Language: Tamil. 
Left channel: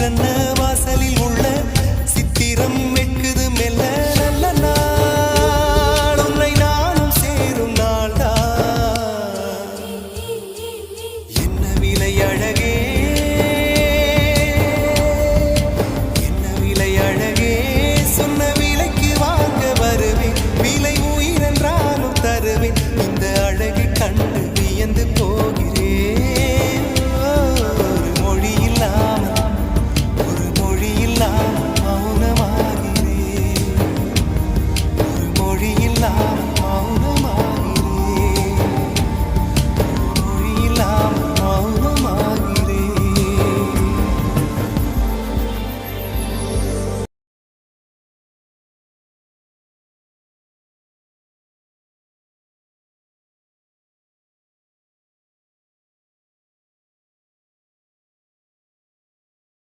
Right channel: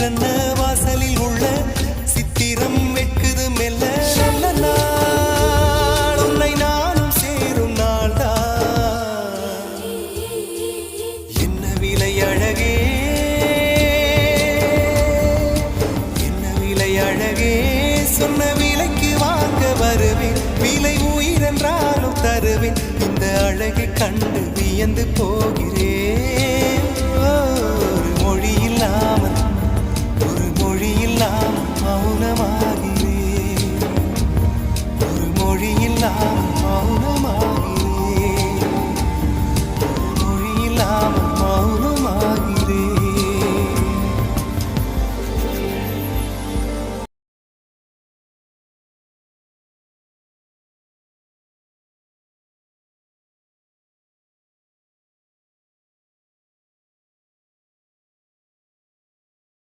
சிற்றன்ன வாசலில் உள்ள சித்திரம் வெட்குது மெல்ல நல்ல நாள் உன்னை நானும் சேரும் நாள்தான் என்ன விலை அழகே என்ன விலை அழகே சொன்ன விலைக்கு வாங்க வருவேன் விலை உயிரென்றாலும் தருவேன் இந்த அழகை கண்டு வியந்து போகிறேன் ஒரு மொழியில்லா